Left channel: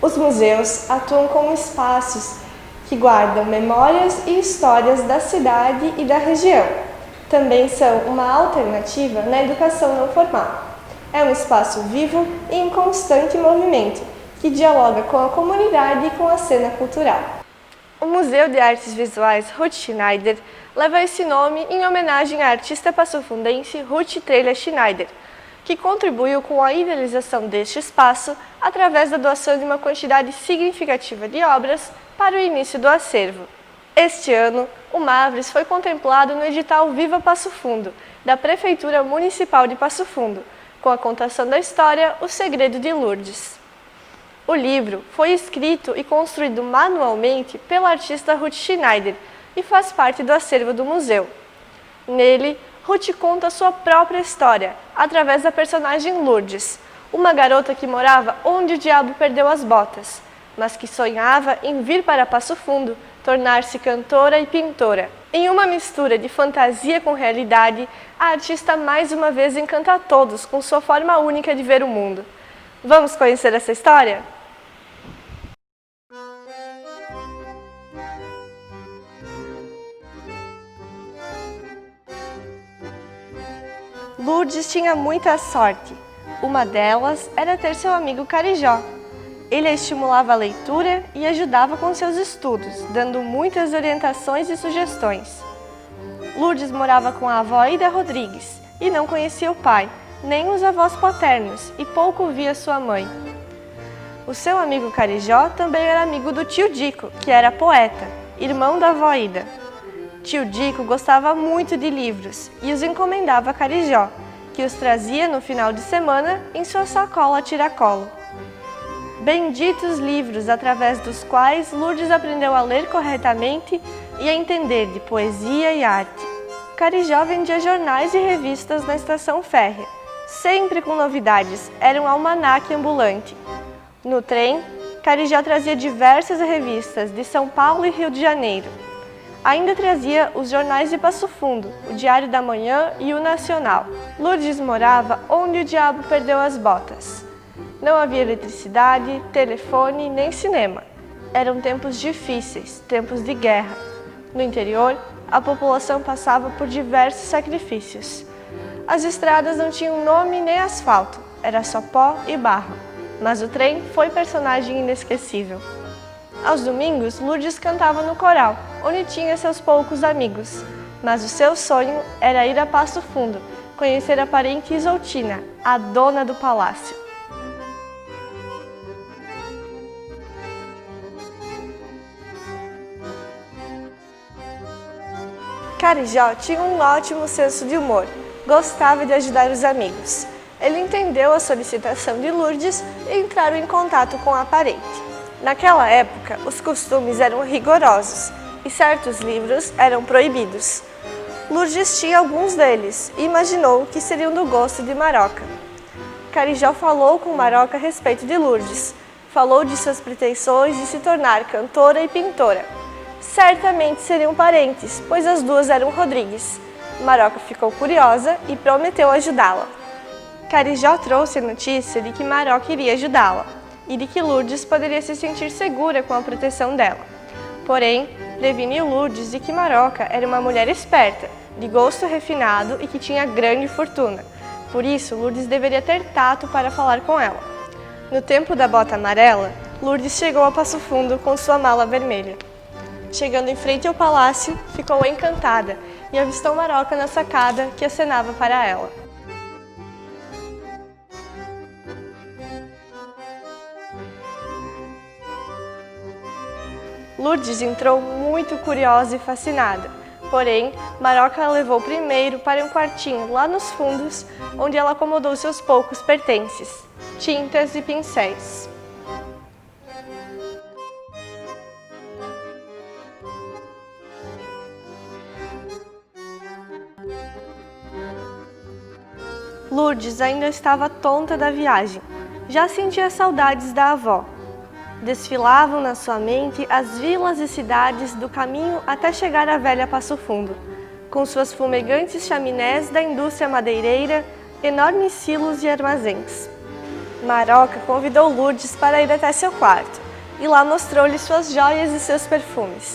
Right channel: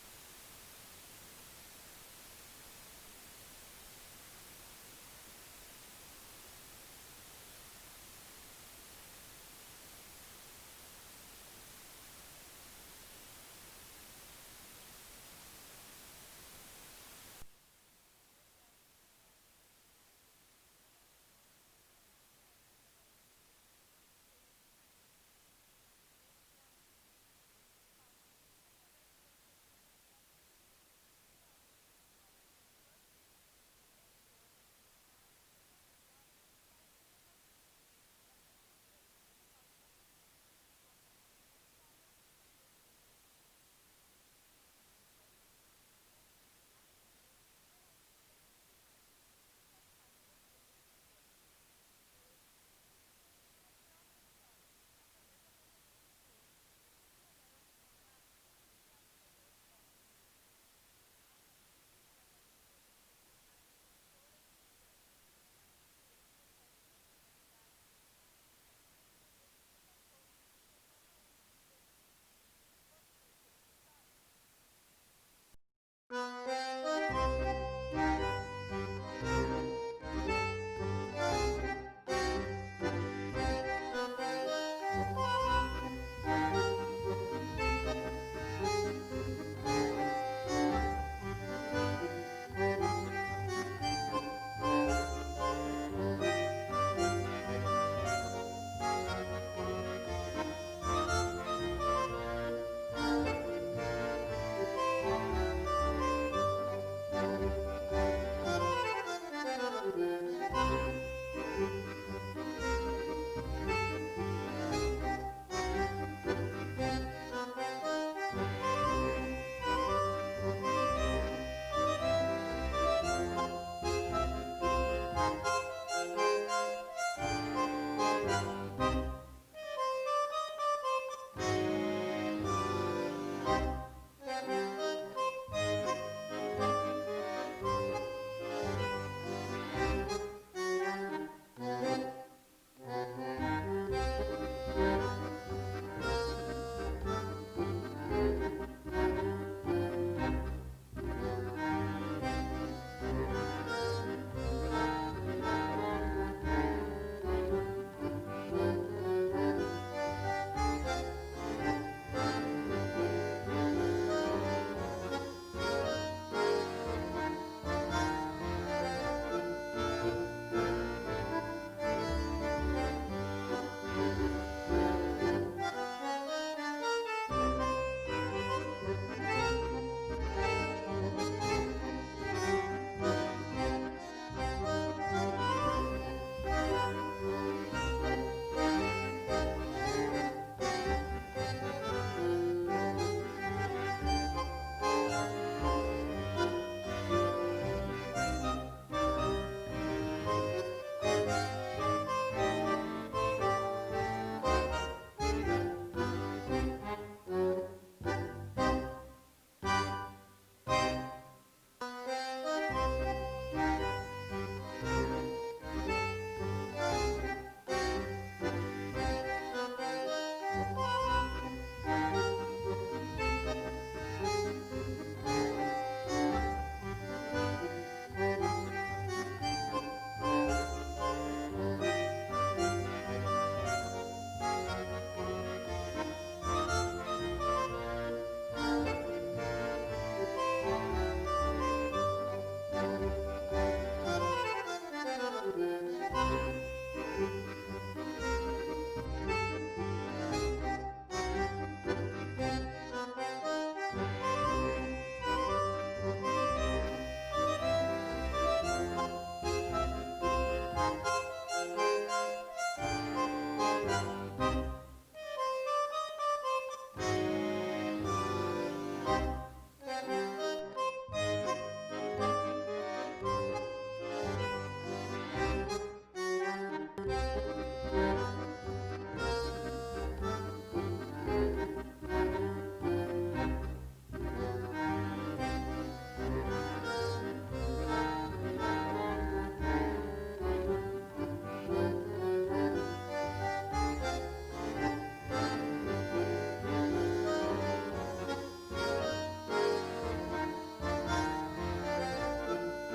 Os museus atuam como espaços que guardam memórias e histórias da cidade e da região. Também são uma alternativa na educação não formal. É um espaço vivo e em constante movimento, que dialoga com a comunidade e com a cena cultural. O Museu de Artes Visuais Ruth Schneider leva esse nome em homenagem à artista passofundense Ruth Trelha Schneider, que contribuiu com a idealização deste espaço através da doação de uma quantidade significativa de obras para o início do acervo. Este ano, o Mavres foi contemplado no edital Viva Passo Fundo, da Prefeitura Municipal de Passo Fundo, com a contação da história O Segredo de Lourdes. O livro foi escrito e construído manualmente pela artista Ruth Schneider e faz parte do acervo do museu. Nele, Ruth conta sua própria história, através da personagem Lourdes, uma garota que morava onde o diabo perdeu as botas, mas que sonhava em vir para Passo Fundo, tornar-se cantora e pintora. Em uma mistura de fantasia com realidade, a artista mais uma vez encanta a todos com sua forma única de ver o mundo. Vamos conhecer essa história? Lourdes tinha muita sorte. Uma delas era ter seu amigo Carijó. Ele a estimulava a leitura e ajudava com seus estudos, dando muitas orientações e sugestões. Lourdes morava com a avó Ida Rodrigues e não conhecia o pai, nem os avós paternos, e pouco via sua mãe. O seu amigo Carijó também era amigo do tio Dico, que era poeta, irmão da avó Ida. Tio Dico gostava muito de livros e os encomendava a Carijó, que os trazia no final de semana em sua sacola tiracolo. Benditos livros através dos quais Lourdes aprendeu a ler corretamente e a entender de poesia e arte. Carijó vendia jornais e revistas na estação férrea, sempre com novidades, era um almanaque ambulante. No trem, Carijó trazia diversas revistas de São Paulo e Rio de Janeiro. Ainda trazia os jornais de Passo Fundo, o Diário da Manhã e o Nacional. Lourdes morava onde o diabo perdeu as botas. Não havia eletricidade, telefone nem cinema. Eram tempos difíceis, tempos de guerra. No interior, a população passava por diversos sacrifícios. As estradas não tinham nome nem asfalto, era só pó e barro. Mas o trem foi personagem inesquecível. Aos domingos, Lourdes cantava no coral, onde tinha seus poucos amigos. Mas o seu sonho era ir a Passo Fundo, conhecer a parente Isoltina, a dona do palácio. Carijó tinha um ótimo senso de humor, gostava de ajudar os amigos. Ele entendeu a solicitação de Lourdes e entraram em contato com a parente. Naquela época, os costumes eram rigorosos e certos livros eram proibidos. Lourdes tinha alguns deles e imaginou que seriam do gosto de Maroca. Carijó falou com Maroca a respeito de Lourdes, falou de suas pretensões de se tornar cantora e pintora. Certamente seriam parentes, pois as duas eram Rodrigues. Maroca ficou curiosa e prometeu ajudá-la. Carijó trouxe a notícia de que Maroca iria ajudá-la e de que Lourdes poderia se sentir segura com a proteção dela. Porém, preveniu Lourdes de que Maroca era uma mulher esperta, de gosto refinado e que tinha grande fortuna. Por isso, Lourdes deveria ter tato para falar com ela. No tempo da bota amarela, Lourdes chegou a Passo Fundo com sua mala vermelha. Chegando em frente ao palácio, ficou encantada e avistou Maroca na sacada que acenava para ela. Lourdes entrou muito curiosa e fascinada, porém, Maroca a levou primeiro para um quartinho lá nos fundos, onde ela acomodou seus poucos pertences, tintas e pincéis. Lourdes ainda estava tonta da viagem, já sentia saudades da avó. Desfilavam na sua mente as vilas e cidades do caminho até chegar à velha Passo Fundo, com suas fumegantes chaminés da indústria madeireira, enormes silos e armazéns. Maroca convidou Lourdes para ir até seu quarto e lá mostrou-lhe suas joias e seus perfumes.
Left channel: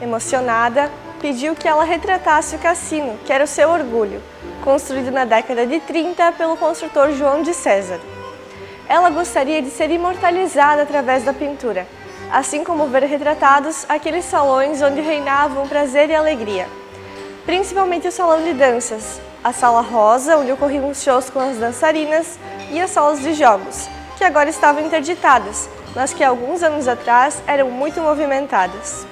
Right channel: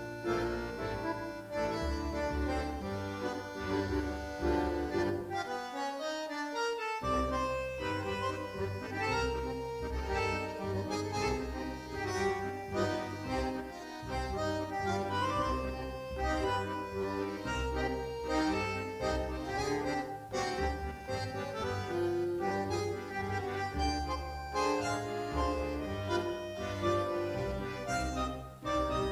Emocionada, pediu que ela retratasse o cassino, que era o seu orgulho, construído na década de 30 pelo construtor João de César. Ela gostaria de ser imortalizada através da pintura, assim como ver retratados aqueles salões onde reinavam prazer e alegria. Principalmente o salão de danças, a sala rosa, onde ocorriam os shows com as dançarinas, e as salas de jogos, que agora estavam interditadas, mas que alguns anos atrás eram muito movimentadas.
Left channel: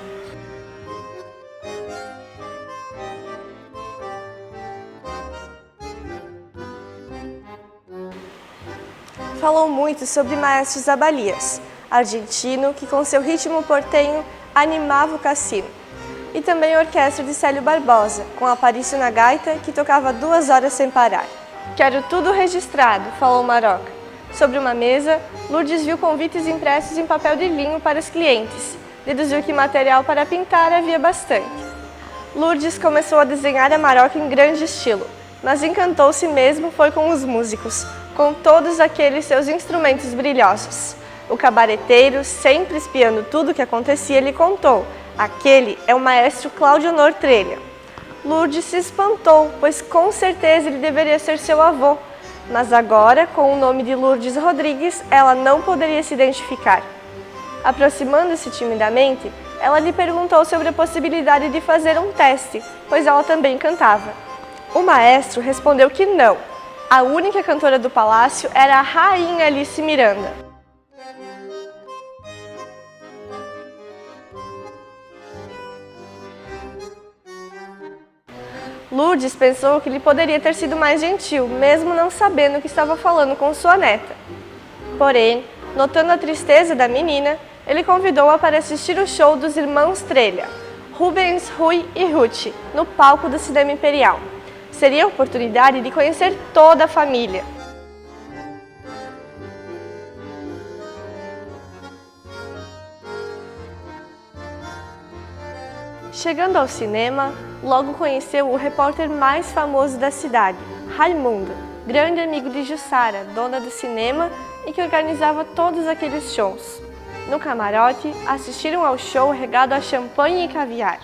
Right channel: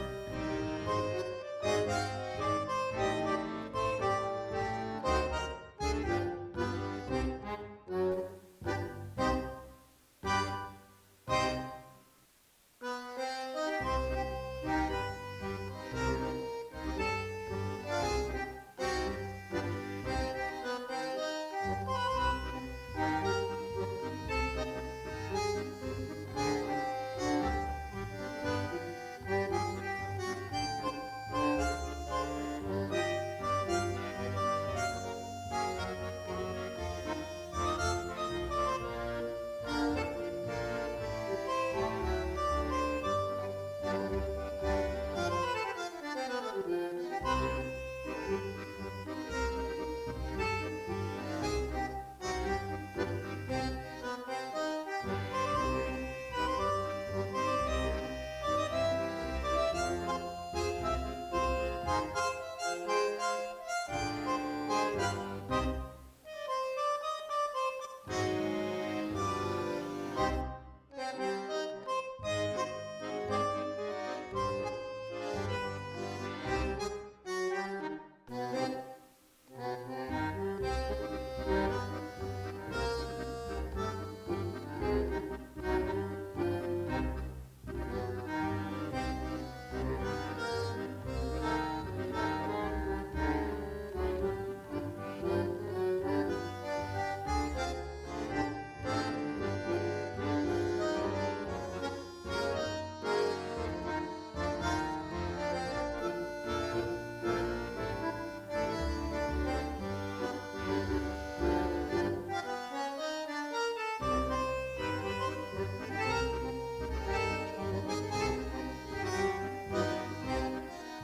Falou muito sobre Maestro Zabalias, argentino que com seu ritmo portenho animava o cassino. E também a orquestra de Célio Barbosa, com Aparício na gaita, que tocava 2 horas sem parar. Quero tudo registrado, falou Maroca. Sobre uma mesa, Lourdes viu convites impressos em papel de vinho para os clientes. Deduziu que material para pintar havia bastante. Lourdes começou a desenhar a Maroca em grande estilo, mas encantou-se mesmo foi com os músicos, com todos aqueles seus instrumentos brilhosos. O cabareteiro, sempre espiando tudo o que acontecia, lhe contou: aquele é o maestro Cláudio Honor Trelha. Lourdes se espantou, pois com certeza ele deveria ser seu avô, mas agora, com o nome de Lourdes Rodrigues, ela não poderia se identificar. Aproximando-se timidamente, ela lhe perguntou sobre a possibilidade de fazer um teste, pois ela também cantava. O maestro respondeu que não. A única cantora do palácio era a rainha Alice Miranda. Lourdes pensou que ele poderia ter sido mais gentil, mesmo não sabendo que estava falando com sua neta. Porém, notando a tristeza da menina, ele convidou-a para assistir o show dos irmãos Trelha, Rubens, Rui e Ruth, no palco do Cinema Imperial. Seria a oportunidade de conhecer toda a família. Chegando ao cinema, logo conheceu o repórter mais famoso da cidade, Raimundo, grande amigo de Jussara, dona do cinema e que organizava todos aqueles shows. No camarote, assistiram ao show regado a champanhe e caviar.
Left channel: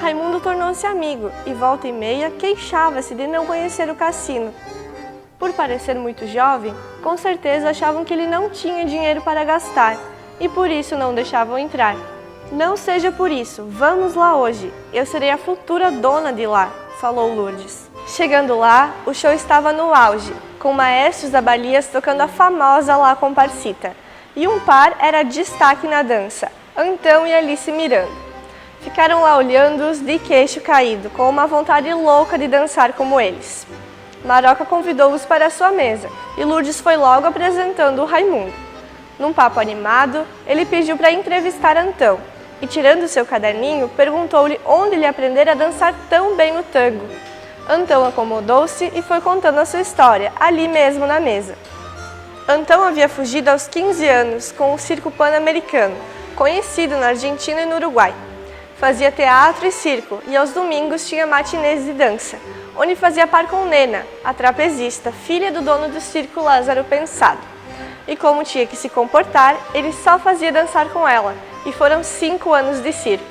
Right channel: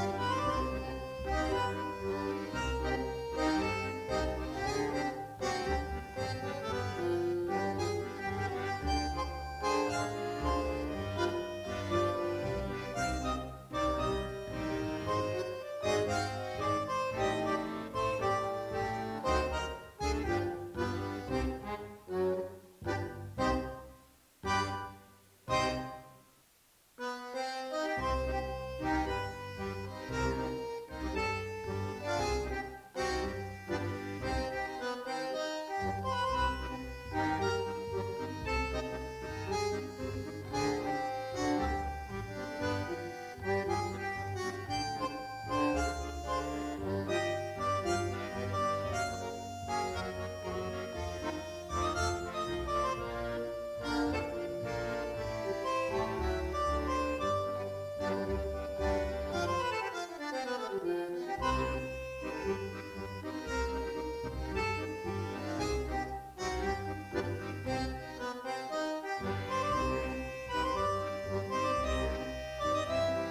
Raimundo tornou-se amigo e, volta e meia, queixava-se de não conhecer o cassino. Por parecer muito jovem, com certeza achavam que ele não tinha dinheiro para gastar e por isso não deixavam entrar. Não seja por isso, vamos lá hoje. Eu serei a futura dona de lá, falou Lourdes. Chegando lá, o show estava no auge, com maestros da Balias tocando a famosa La Comparsita. E um par era destaque na dança, Antão e Alice Miranda. Ficaram lá olhando-os de queixo caído, com uma vontade louca de dançar como eles. Maroca convidou-os para sua mesa e Lourdes foi logo apresentando o Raimundo. Num papo animado, ele pediu para entrevistar Antão e, tirando seu caderninho, perguntou-lhe onde ele aprendera a dançar tão bem o tango. Antão acomodou-se e foi contando a sua história, ali mesmo na mesa. Antão havia fugido aos 15 anos com o circo pan-americano, conhecido na Argentina e no Uruguai. Fazia teatro e circo e aos domingos tinha matinês de dança, onde fazia par com Nena, a trapezista, filha do dono do circo Lázaro Pensado. E como tinha que se comportar, ele só fazia dançar com ela, e foram 5 anos de circo.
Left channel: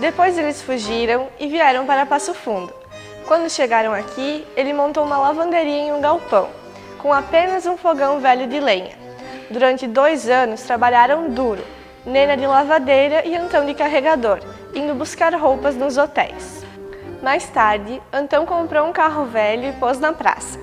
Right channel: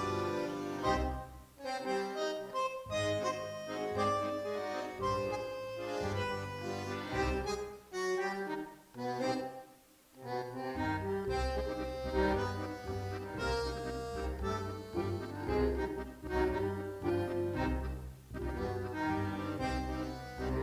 Depois eles fugiram e vieram para Passo Fundo. Quando chegaram aqui, ele montou uma lavanderia em um galpão, com apenas um fogão velho de lenha. Durante 2 anos trabalharam duro, Nena de lavadeira e Antão de carregador, indo buscar roupas nos hotéis. Mais tarde, Antão comprou um carro velho e pôs na praça.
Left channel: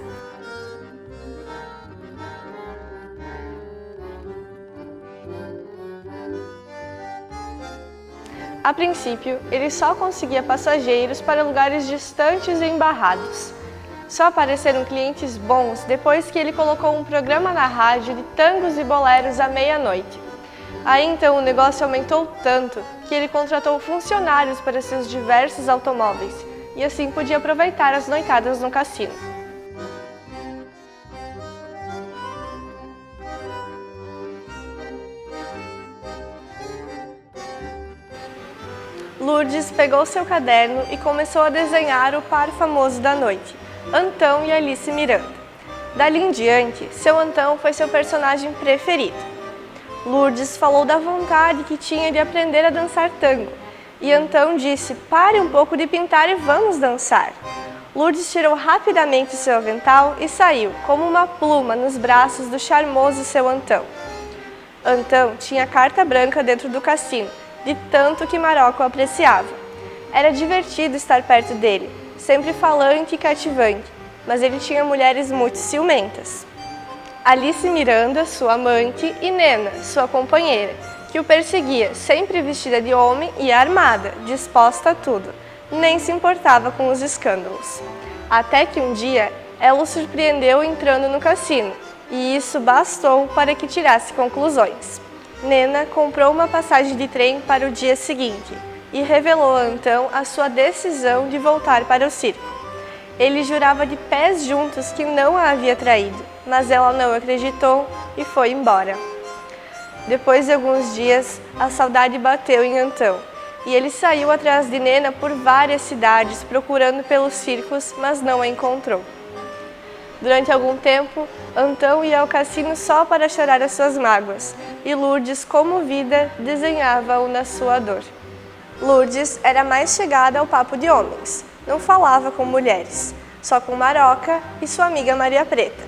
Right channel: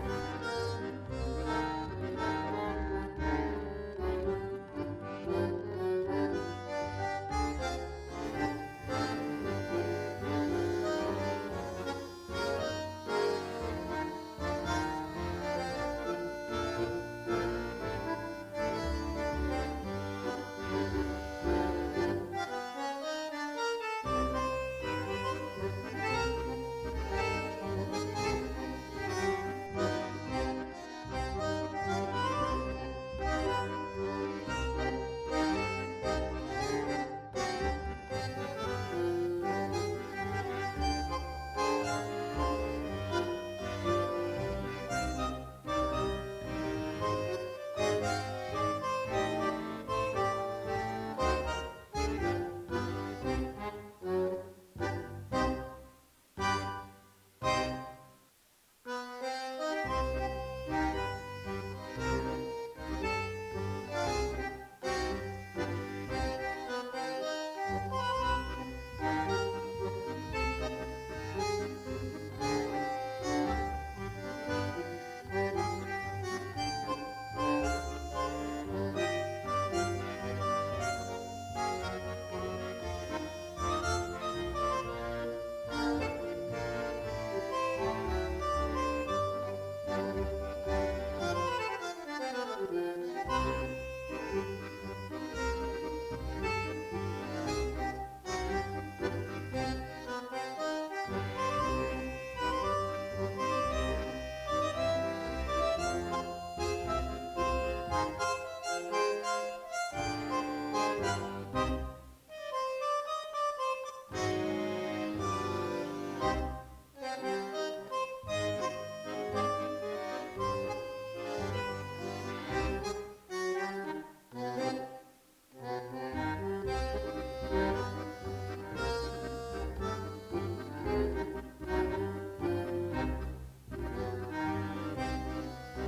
A princípio, ele só conseguia passageiros para lugares distantes e embarrados. Só apareceram clientes bons depois que ele colocou um programa na rádio de tangos e boleros à meia-noite. Aí então o negócio aumentou tanto que ele contratou funcionários para seus diversos automóveis e assim podia aproveitar as noitadas no cassino. Lourdes pegou seu caderno e começou a desenhar o par famoso da noite, Antão e Alice Miranda. Dali em diante, seu Antão foi seu personagem preferido. Lourdes falou da vontade que tinha de aprender a dançar tango, e Antão disse: "Pare um pouco de pintar e vamos dançar." Lourdes tirou rapidamente seu avental e saiu, como uma pluma, nos braços do charmoso seu Antão. Antão tinha carta branca dentro do cassino, de tanto que Maroca o apreciava. Era divertido estar perto dele, sempre falante e cativante, mas ele tinha mulheres muito ciumentas. Alice Miranda, sua amante, e Nena, sua companheira, que o perseguia, sempre vestida de homem e armada, disposta a tudo. Nem se importava com os escândalos. Até que um dia, ela o surpreendeu entrando no cassino, e isso bastou para que tirasse conclusões. Nena comprou uma passagem de trem para o dia seguinte e revelou a Antão a sua decisão de voltar para o circo. Ele jurava de pés juntos que não a havia traído, mas ela não acreditou e foi embora. Depois de alguns dias, a saudade bateu em Antão e ele saiu atrás de Nena por várias cidades procurando pelos circos, mas não a encontrou. Durante algum tempo, Antão ia ao cassino só para chorar as suas mágoas, e Lourdes, comovida, desenhava-o na sua dor. Lourdes era mais chegada ao papo de homens, não falava com mulheres, só com Maroca e sua amiga Maria Preta.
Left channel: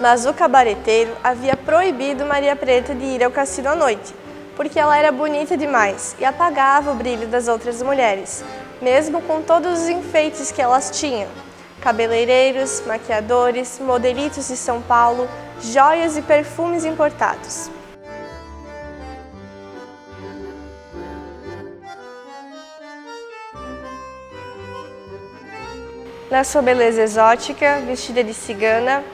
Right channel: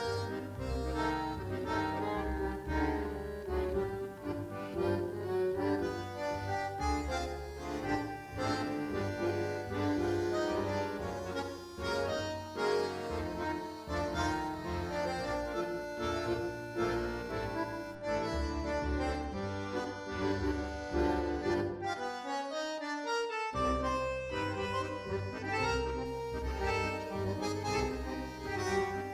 Mas o cabareteiro havia proibido Maria Preta de ir ao cassino à noite, porque ela era bonita demais e apagava o brilho das outras mulheres, mesmo com todos os enfeites que elas tinham: cabeleireiros, maquiadores, modelitos de São Paulo, joias e perfumes importados. Na sua beleza exótica, vestida de cigana,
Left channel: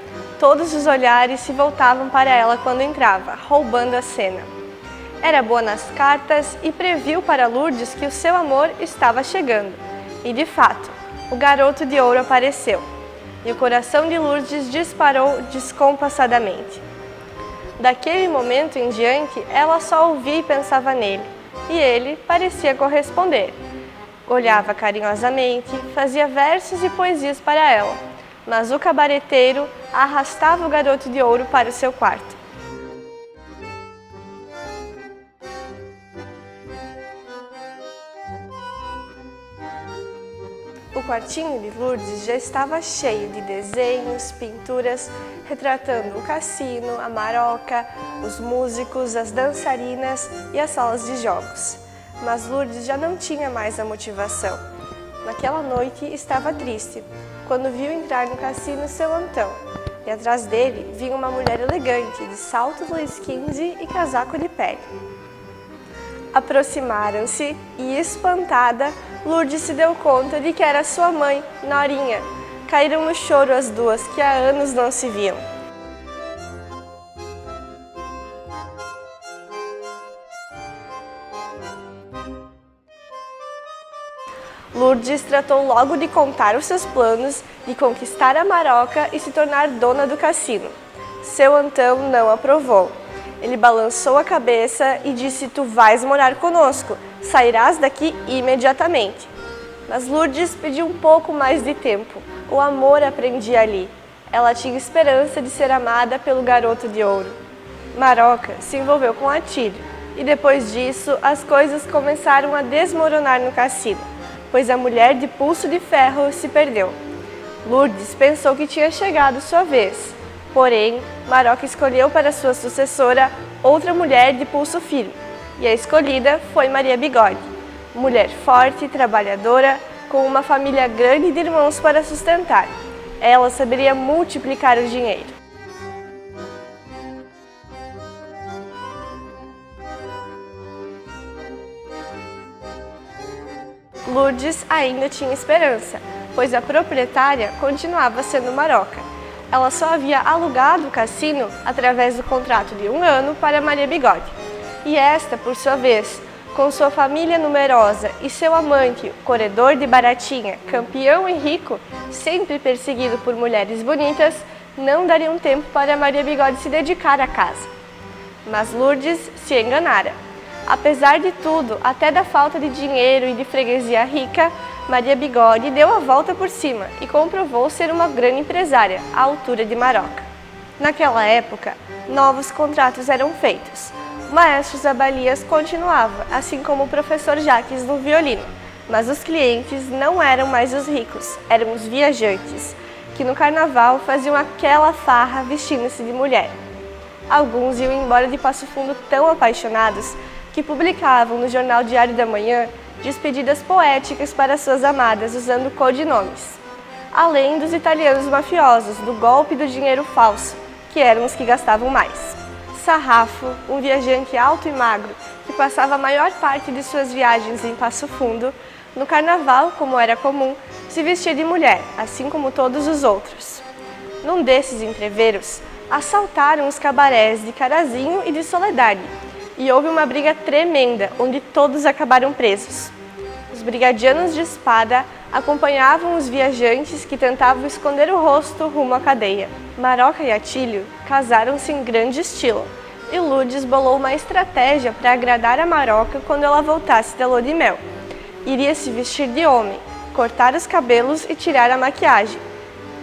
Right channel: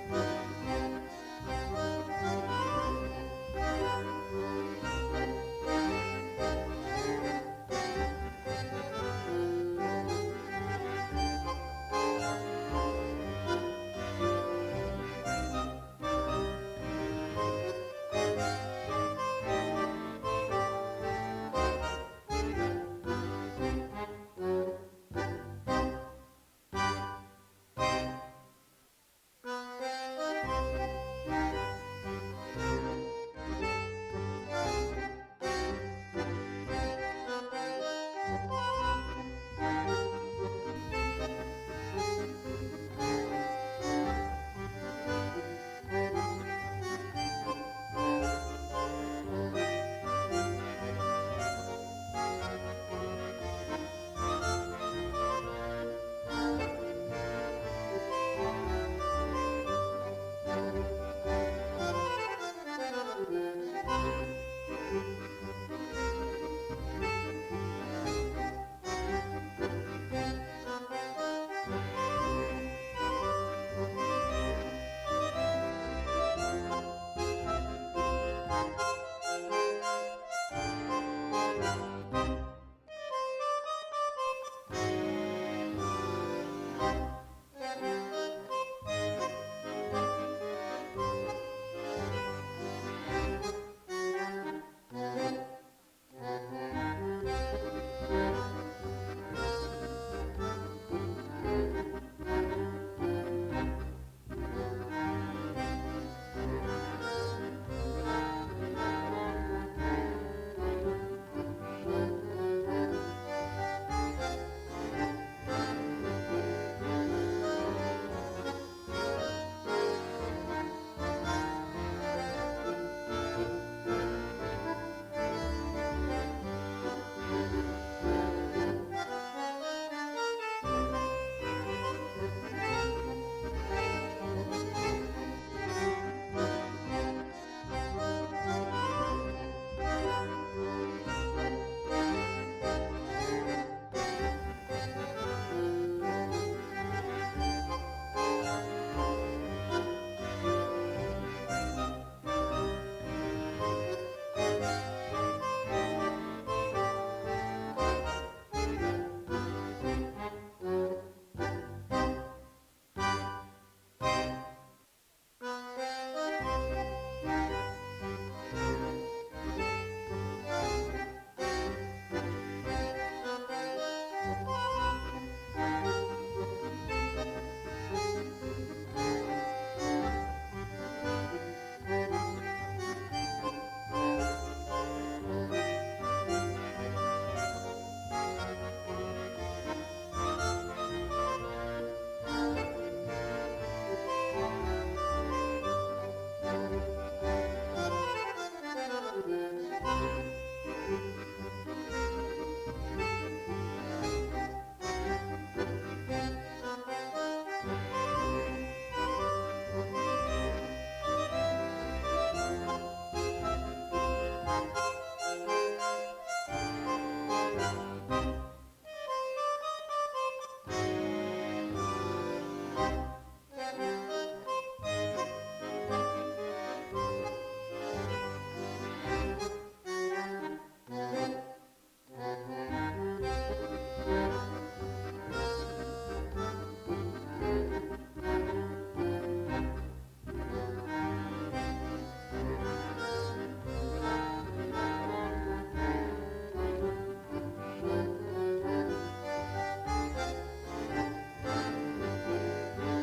todos os olhares se voltavam para ela quando entrava, roubando a cena. Era boa nas cartas e previu para Lourdes que o seu amor estava chegando. E de fato, o garoto de ouro apareceu, e o coração de Lourdes disparou descompassadamente. Daquele momento em diante, ela só ouvia e pensava nele, e ele parecia corresponder. Olhava carinhosamente, fazia versos e poesias para ela, mas o cabareteiro arrastava o garoto de ouro para o seu quarto. O quartinho de Lourdes já estava cheio de desenhos, pinturas, retratando o cassino, a Maroca, os músicos, as dançarinas e as salas de jogos. Mas Lourdes já não tinha mais a motivação. Naquela noite estava triste, quando viu entrar no cassino seu Antão, e atrás dele vinha uma mulher elegante, de salto Luiz XV e casaco de pele. Aproximaram-se e, espantada, Lourdes se deu conta de que era sua mãe, Norinha. Caíram no choro as duas, que há anos não se viam. Lourdes tratou logo de contar os seus planos de conquistar a Maroca e se tornar dona do cassino. Seu Antão não aprovou. Ele balançou a cabeça e disse: "Tu vais morar conosco, sairás daqui imediatamente." Mas Lourdes pediu um pouco mais de tempo. O amor a prendia ali. Ela tinha esperança de ser amada pelo garoto de ouro. Maroca se envolveu com Atílio, e depois disso as coisas começaram a desmoronar no cassino, pois a mulher de pulso de ferro se perdeu. Lourdes pensou que tinha chegado sua vez. Porém, Maroca escolheu para sua sucessora outra mulher de pulso firme, e a escolhida foi Maria Bigode, mulher forte, trabalhadora, com uma família grande de irmãos para sustentar. Ela saberia multiplicar o dinheiro. Lourdes ainda tinha esperança, pois a proprietária continuava sendo Maroca. Ela só havia alugado o cassino através do contrato de 1 ano para Maria Bigode. E esta, por sua vez, com sua família numerosa e seu amante, o corredor de Baratinha, campeão e rico, sempre perseguido por mulheres bonitas, não dariam tempo para Maria Bigode se dedicar à casa. Mas Lourdes se enganara. Apesar de tudo, até da falta de dinheiro e de freguesia rica, Maria Bigode deu a volta por cima e comprovou ser uma grande empresária, à altura de Maroca. Naquela época, novos contratos eram feitos. O maestro Zabalias continuava, assim como o professor Jaques no violino, mas os clientes não eram mais os ricos, eram os viajantes, que no carnaval faziam aquela farra vestindo-se de mulher. Alguns iam embora de Passo Fundo tão apaixonados que publicavam no jornal Diário da Manhã despedidas poéticas para suas amadas usando codinomes. Além dos italianos mafiosos, do golpe do dinheiro falso, que eram os que gastavam mais. Sarrafo, um viajante alto e magro que passava a maior parte de suas viagens em Passo Fundo, no carnaval, como era comum, se vestia de mulher, assim como todos os outros. Num desses entreveros, assaltaram os cabarés de Carazinho e de Soledade, e houve uma briga tremenda, onde todos acabaram presos. Os brigadianos de espada acompanhavam os viajantes que tentavam esconder o rosto rumo à cadeia. Maroca e Atílio casaram-se em grande estilo, e Lourdes bolou uma estratégia para agradar a Maroca quando ela voltasse da lua de mel. Iria se vestir de homem, cortar os cabelos e tirar a maquiagem.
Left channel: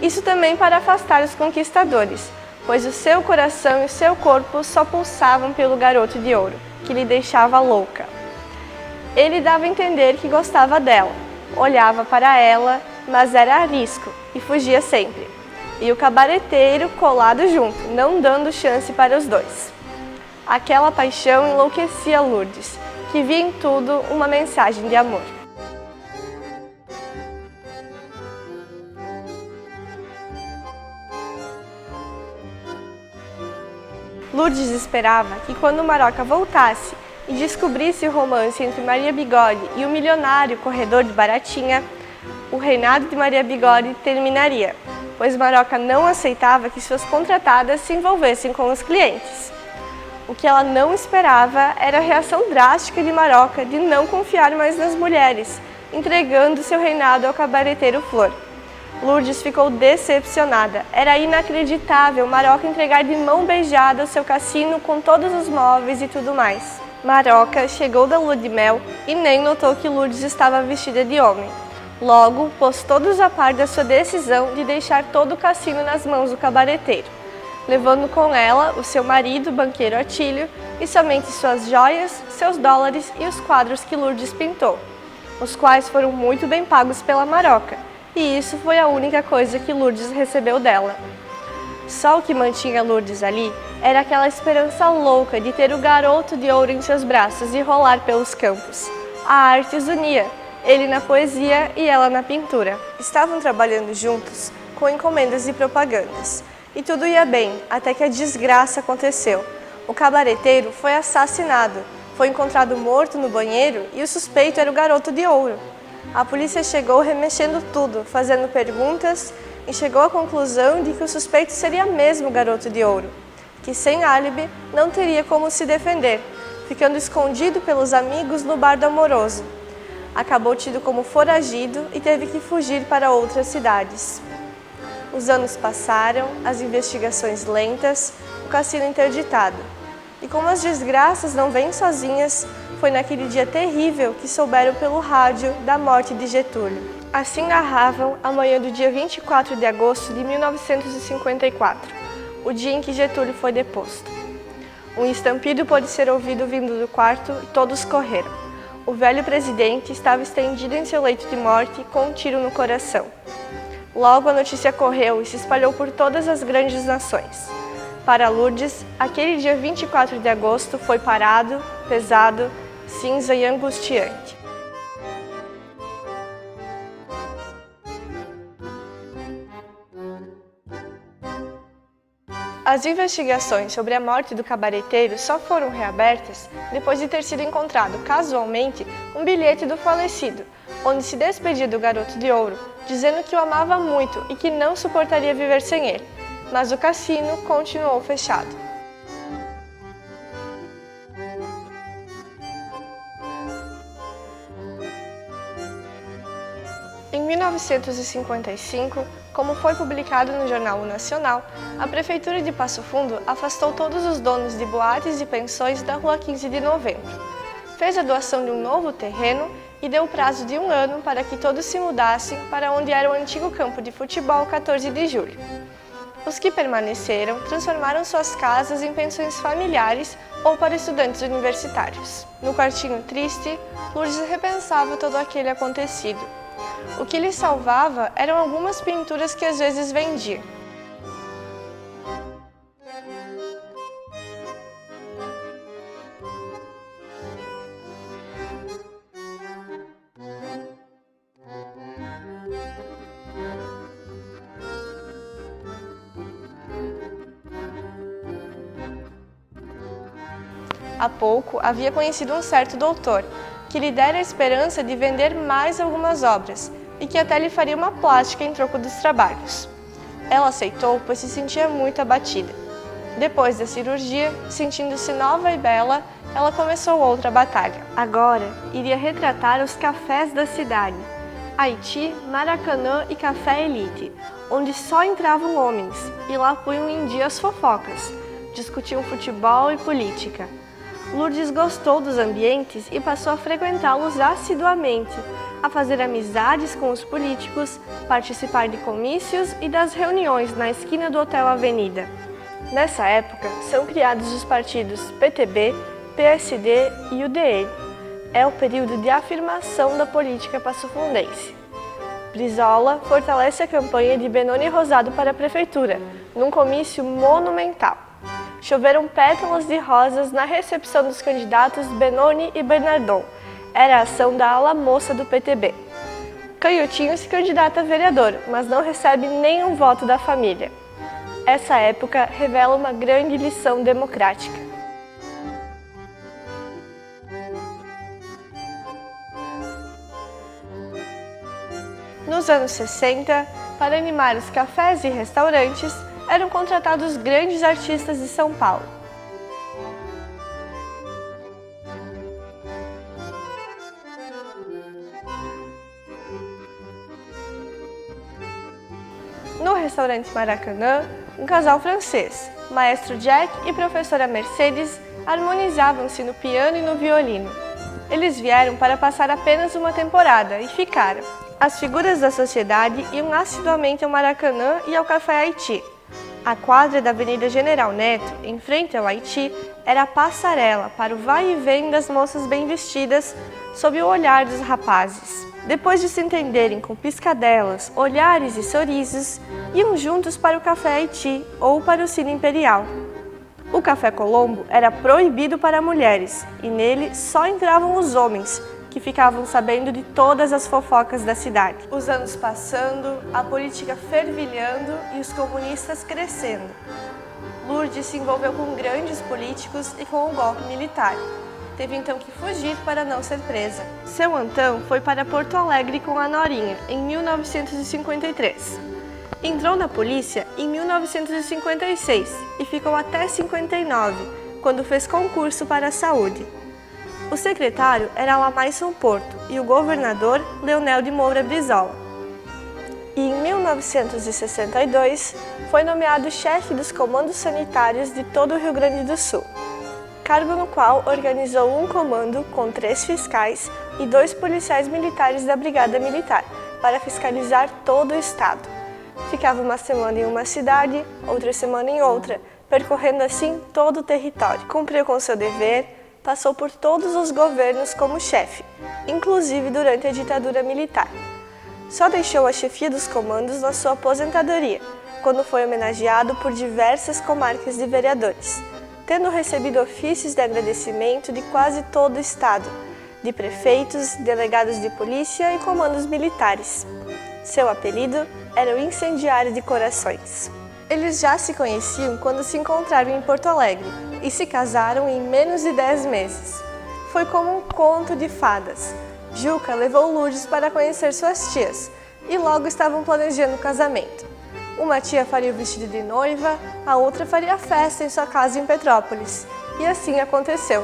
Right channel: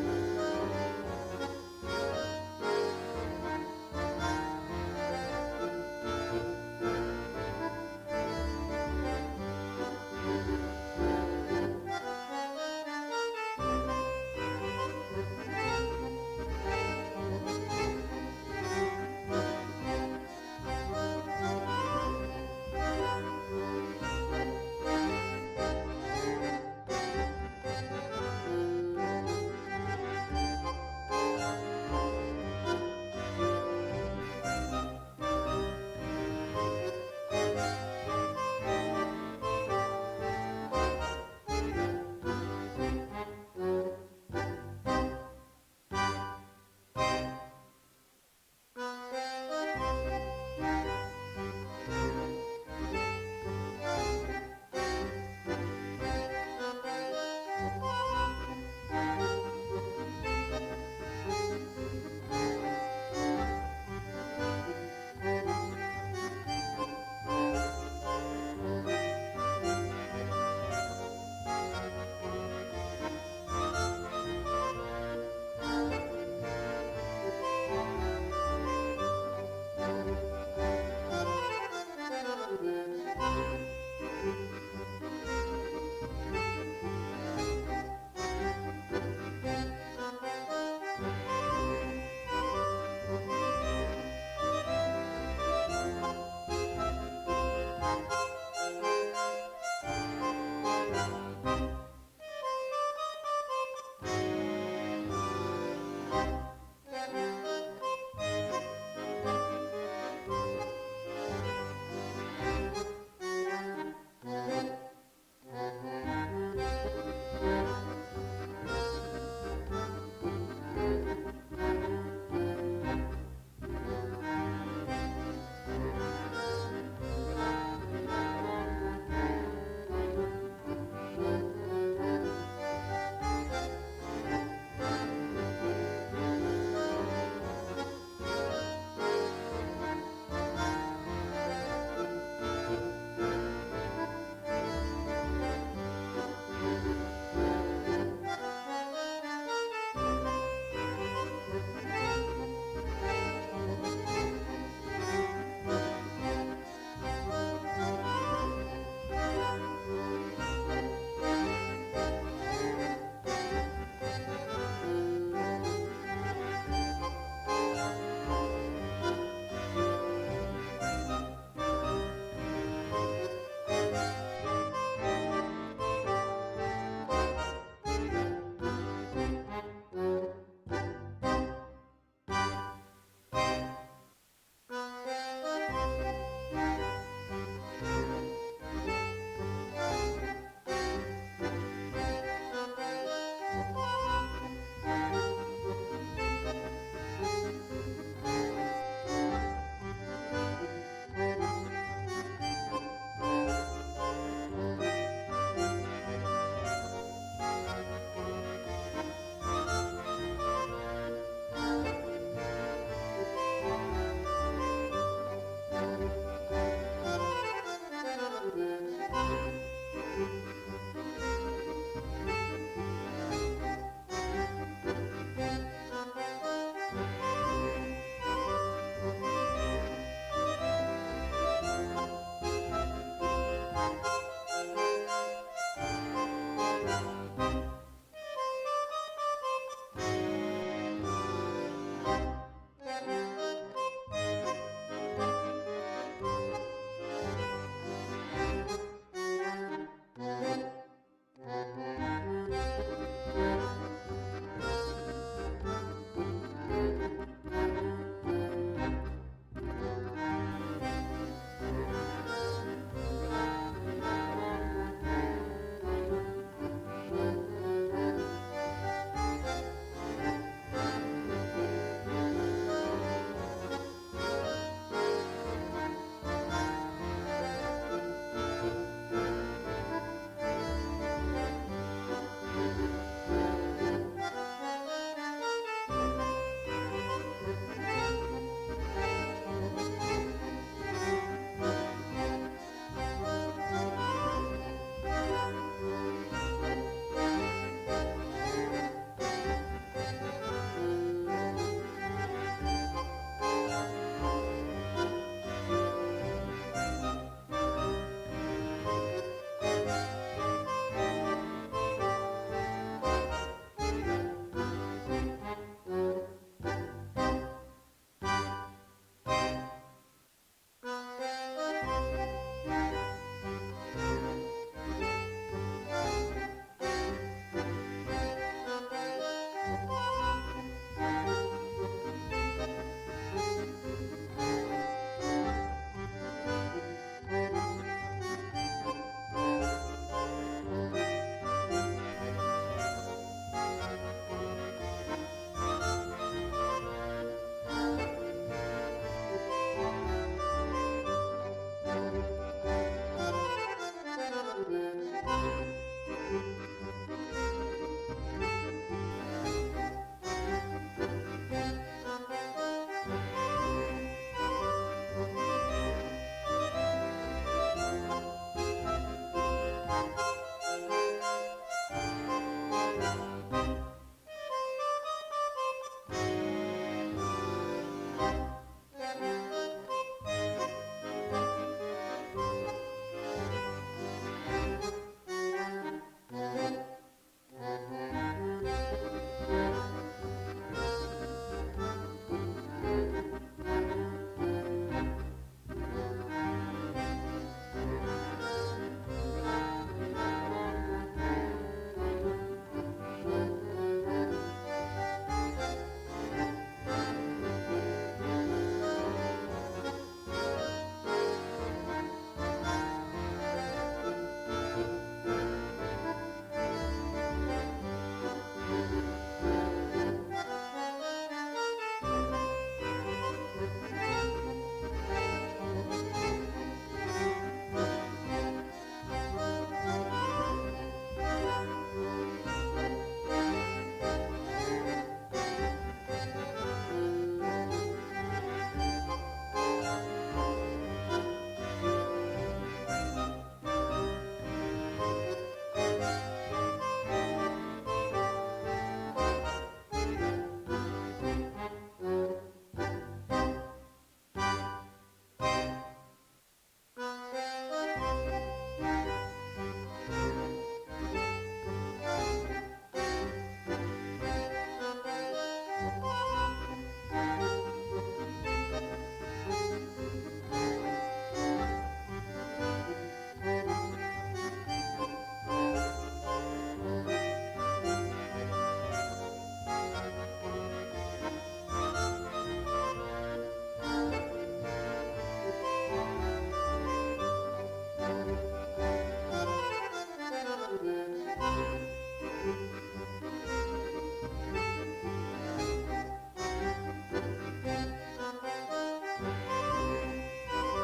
Isso também para afastar os conquistadores, pois o seu coração e o seu corpo só pulsavam pelo garoto de ouro, que lhe deixava louca. Ele dava a entender que gostava dela, olhava para ela, mas era a risco e fugia sempre. E o cabareteiro colado junto, não dando chance para os dois. Aquela paixão enlouquecia Lourdes, que via em tudo uma mensagem de amor. Lourdes esperava que quando Maroca voltasse e descobrisse o romance entre Maria Bigode e o milionário corredor de Baratinha, o reinado de Maria Bigode terminaria, pois Maroca não aceitava que suas contratadas se envolvessem com os clientes. O que ela não esperava era a reação drástica de Maroca de não confiar mais nas mulheres, entregando seu reinado ao cabareteiro Flor. Lourdes ficou decepcionada. Era inacreditável Maroca entregar de mão beijada o seu cassino com todos os móveis e tudo mais. Maroca chegou da lua de mel e nem notou que Lourdes estava vestida de homem. Logo, pôs todos a par da sua decisão de deixar todo o cassino nas mãos do cabareteiro, levando com ela o seu marido, banqueiro Atílio, e somente suas joias, seus dólares e os quadros que Lourdes pintou, os quais foram muito bem pagos pela Maroca. E isso foi a única coisa que Lourdes recebeu dela. Só o que mantinha Lourdes ali era aquela esperança louca de ter o garoto de ouro em seus braços e rolar pelos campos. A arte os unia, ele na poesia e ela na pintura. Estavam trabalhando juntos com encomendas e propagandas. E tudo ia bem, até que a desgraça aconteceu. O cabareteiro foi assassinado, foi encontrado morto no banheiro e o suspeito era o garoto de ouro. A polícia chegou remexendo tudo, fazendo perguntas e chegou à conclusão de que o suspeito seria mesmo o garoto de ouro, que sem álibi não teria como se defender, ficando escondido pelos amigos no bar do Amoroso. Acabou tido como foragido e teve que fugir para outras cidades. Os anos passaram, as investigações lentas, o cassino interditado. E como as desgraças não vêm sozinhas, foi naquele dia terrível que souberam pelo rádio da morte de Getúlio. Assim narravam a manhã do dia 24 de agosto de 1954, o dia em que Getúlio foi deposto. Um estampido pôde ser ouvido vindo do quarto e todos correram. O velho presidente estava estendido em seu leito de morte com um tiro no coração. Logo a notícia correu e se espalhou por todas as grandes nações. Para Lourdes, aquele dia 24 de agosto foi parado, pesado, cinza e angustiante. As investigações sobre a morte do cabareteiro só foram reabertas depois de ter sido encontrado casualmente um bilhete do falecido, onde se despedia do garoto de ouro, dizendo que o amava muito e que não suportaria viver sem ele. Mas o cassino continuou fechado. Em 1955, como foi publicado no Jornal O Nacional, a Prefeitura de Passo Fundo afastou todos os donos de boates e pensões da Rua 15 de Novembro. fez a doação de um novo terreno e deu o prazo de 1 ano para que todos se mudassem para onde era o antigo campo de futebol 14 de julho. Os que permaneceram transformaram suas casas em pensões familiares ou para estudantes universitários. No quartinho triste, Lourdes repensava todo aquele acontecido. O que lhe salvava eram algumas pinturas que às vezes vendia. Há pouco havia conhecido um certo doutor, que lhe dera a esperança de vender mais algumas obras e que até lhe faria uma plástica em troco dos trabalhos. Ela aceitou, pois se sentia muito abatida. Depois da cirurgia, sentindo-se nova e bela, ela começou outra batalha. Agora, iria retratar os cafés da cidade, Haiti, Maracanã e Café Elite, onde só entravam homens e lá punham em dia as fofocas, discutiam futebol e política. Lourdes gostou dos ambientes e passou a frequentá-los assiduamente, a fazer amizades com os políticos, participar de comícios e das reuniões na esquina do Hotel Avenida. Nessa época, são criados os partidos PTB, PSD e UDN. É o período de afirmação da política passofundense. Brizola fortalece a campanha de Benoni Rosado para a prefeitura, num comício monumental. Choveram pétalas de rosas na recepção dos candidatos Benoni e Bernardon. Era a ação da ala moça do PTB. Canhotinho se candidata a vereador, mas não recebe nenhum voto da família. Essa época revela uma grande lição democrática. Nos anos 60, para animar os cafés e restaurantes, eram contratados grandes artistas de São Paulo. No restaurante Maracanã, um casal francês, maestro Jack e professora Mercedes, harmonizavam-se no piano e no violino. Eles vieram para passar apenas uma temporada e ficaram. As figuras da sociedade iam assiduamente ao Maracanã e ao Café Haiti. A quadra da Avenida General Neto, em frente ao Haiti, era a passarela para o vai e vem das moças bem vestidas sob o olhar dos rapazes. Depois de se entenderem com piscadelas, olhares e sorrisos, iam juntos para o Café Haiti ou para o Cine Imperial. O Café Colombo era proibido para mulheres e nele só entravam os homens, que ficavam sabendo de todas as fofocas da cidade. Os anos passando, a política fervilhando e os comunistas crescendo. Lourdes se envolveu com grandes políticos e com o golpe militar. Teve então que fugir para não ser presa. Seu Antão foi para Porto Alegre com a Norinha, em 1953. Entrou na polícia em 1956 e ficou até 59, quando fez concurso para a saúde. O secretário era Lamaison Porto e o governador Leonel de Moura Brizola. E em 1962 foi nomeado chefe dos comandos sanitários de todo o Rio Grande do Sul, cargo no qual organizou um comando com 3 fiscais e 2 policiais militares da Brigada Militar para fiscalizar todo o estado. Ficava uma semana em uma cidade, outra semana em outra, percorrendo assim todo o território. Cumpriu com seu dever, passou por todos os governos como chefe, inclusive durante a ditadura militar. Só deixou a chefia dos comandos na sua aposentadoria, quando foi homenageado por diversas comarcas de vereadores, tendo recebido ofícios de agradecimento de quase todo o estado, de prefeitos, delegados de polícia e comandos militares. Seu apelido era o Incendiário de Corações. Eles já se conheciam quando se encontraram em Porto Alegre e se casaram em menos de 10 meses. Foi como um conto de fadas. Juca levou Lourdes para conhecer suas tias e logo estavam planejando o casamento. Uma tia faria o vestido de noiva, a outra faria a festa em sua casa em Petrópolis. E assim aconteceu.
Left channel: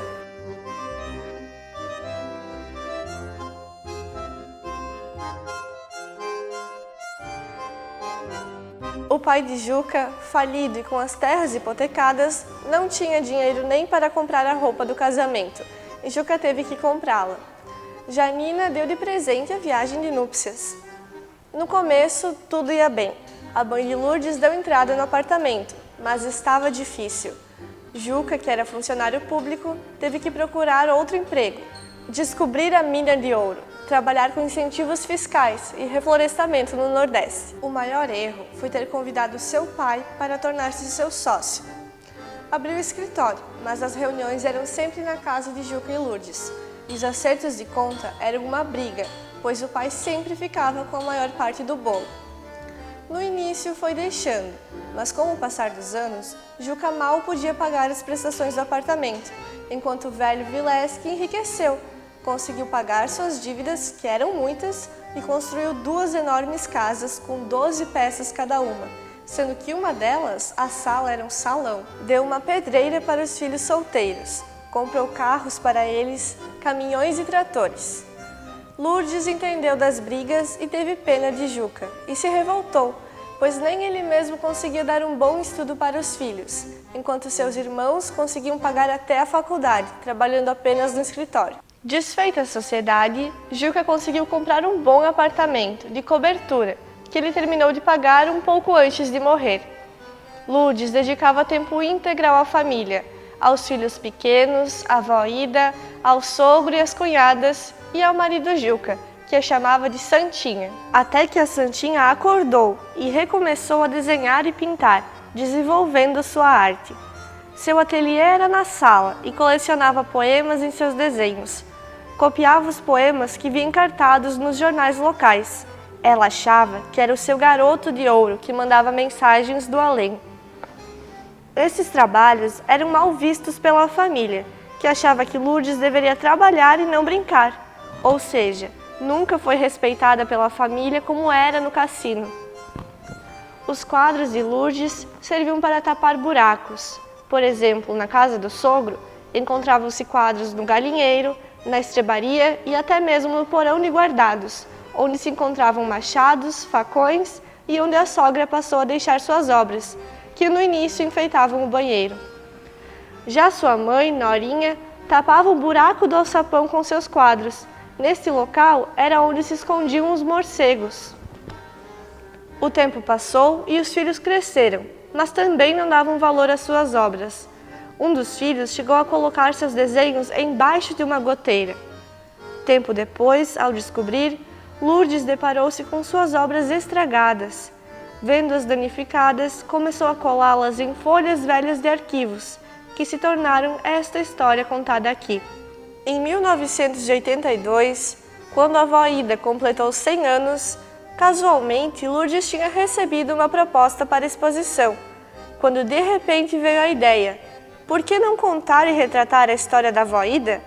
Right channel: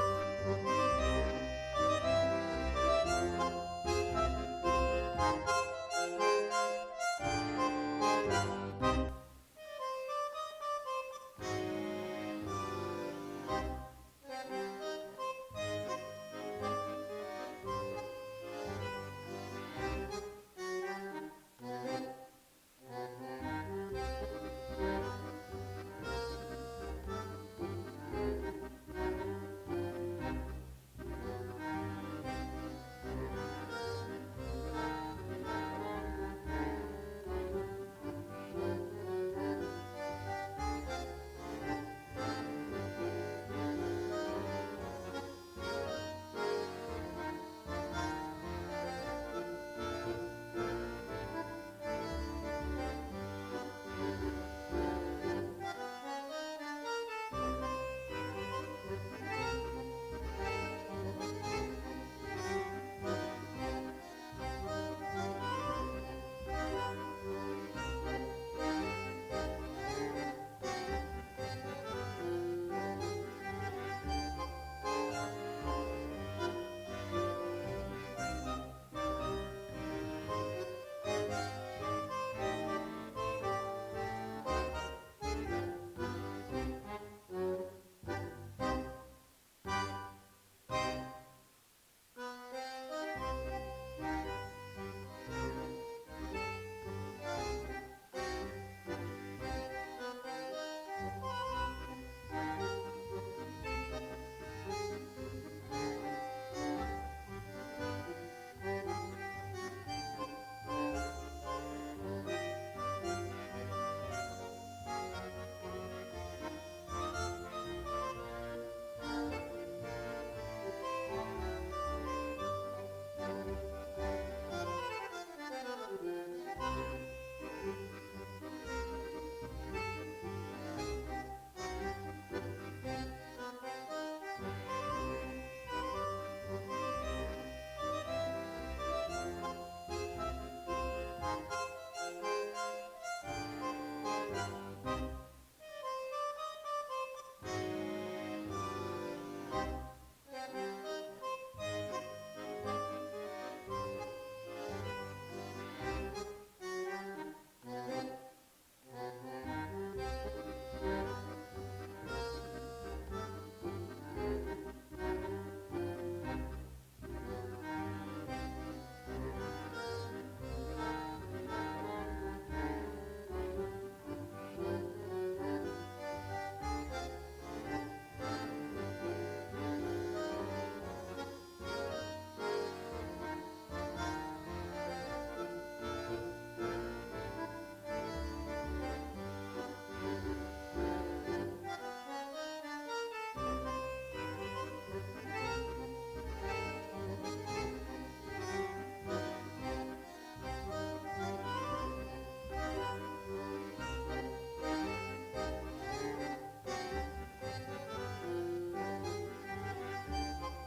O pai de Juca, falido e com as terras hipotecadas, não tinha dinheiro nem para comprar a roupa do casamento. Juca teve que comprá-la. Janina deu de presente a viagem de núpcias. No começo, tudo ia bem. A mãe de Lourdes deu entrada no apartamento, mas estava difícil. Juca, que era funcionário público, teve que procurar outro emprego, descobrir a mina de ouro, trabalhar com incentivos fiscais e reflorestamento no Nordeste. O maior erro foi ter convidado seu pai para tornar-se seu sócio. Abriu o escritório, mas as reuniões eram sempre na casa de Juca e Lourdes. Os acertos de conta eram uma briga, pois o pai sempre ficava com a maior parte do bolo. No início foi deixando, mas com o passar dos anos, Juca mal podia pagar as prestações do apartamento, enquanto o velho Vileski enriqueceu, conseguiu pagar suas dívidas, que eram muitas, e construiu 2 enormes casas com 12 peças cada uma, sendo que uma delas, a sala, era um salão. Deu uma pedreira para os filhos solteiros, comprou carros para eles, caminhões e tratores. Lourdes entendeu das brigas e teve pena de Juca, e se revoltou, pois nem ele mesmo conseguia dar um bom estudo para os filhos, enquanto seus irmãos conseguiam pagar até a faculdade, trabalhando apenas no escritório. Desfeita a sociedade, Juca conseguiu comprar um bom apartamento, de cobertura, que ele terminou de pagar um pouco antes de morrer. Lourdes dedicava tempo integral à família, aos filhos pequenos, à avó Ida, ao sogro e às cunhadas e ao marido Juca, que a chamava de Santinha. Até que a Santinha acordou e recomeçou a desenhar e pintar, desenvolvendo sua arte. Seu ateliê era na sala e colecionava poemas em seus desenhos. Copiava os poemas que via encartados nos jornais locais. Ela achava que era o seu garoto de ouro que mandava mensagens do além. Esses trabalhos eram mal vistos pela família, que achava que Lourdes deveria trabalhar e não brincar. Ou seja, nunca foi respeitada pela família como era no cassino. Os quadros de Lourdes serviam para tapar buracos. Por exemplo, na casa do sogro, encontravam-se quadros no galinheiro, na estrebaria e até mesmo no porão de guardados, onde se encontravam machados, facões e onde a sogra passou a deixar suas obras, que no início enfeitavam o banheiro. Já sua mãe, Norinha, tapava o buraco do alçapão com seus quadros. Nesse local era onde se escondiam os morcegos. O tempo passou e os filhos cresceram, mas também não davam valor às suas obras. Um dos filhos chegou a colocar seus desenhos embaixo de uma goteira. Tempo depois, ao descobrir, Lourdes deparou-se com suas obras estragadas. Vendo-as danificadas, começou a colá-las em folhas velhas de arquivos, que se tornaram esta história contada aqui. Em 1982, quando a avó Ida completou 100 anos, casualmente Lourdes tinha recebido uma proposta para exposição, quando de repente veio a ideia: por que não contar e retratar a história da avó Ida?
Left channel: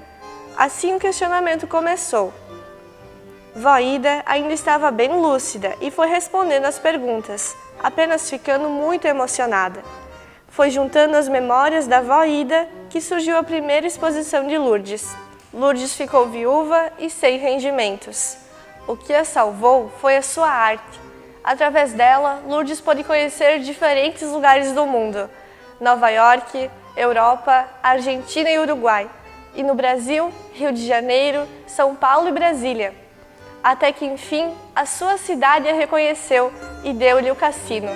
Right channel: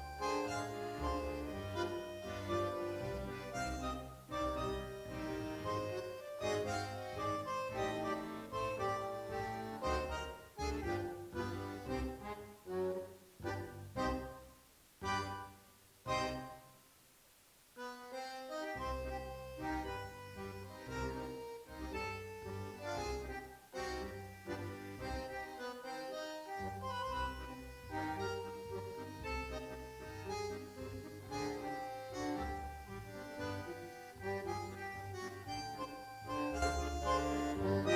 Assim o questionamento começou. Vó Ida ainda estava bem lúcida e foi respondendo às perguntas, apenas ficando muito emocionada. Foi juntando as memórias da vó Ida que surgiu a primeira exposição de Lourdes. Lourdes ficou viúva e sem rendimentos. O que a salvou foi a sua arte. Através dela, Lourdes pôde conhecer diferentes lugares do mundo: Nova York, Europa, Argentina e Uruguai. E no Brasil, Rio de Janeiro, São Paulo e Brasília. Até que, enfim, a sua cidade a reconheceu e deu-lhe o cassino.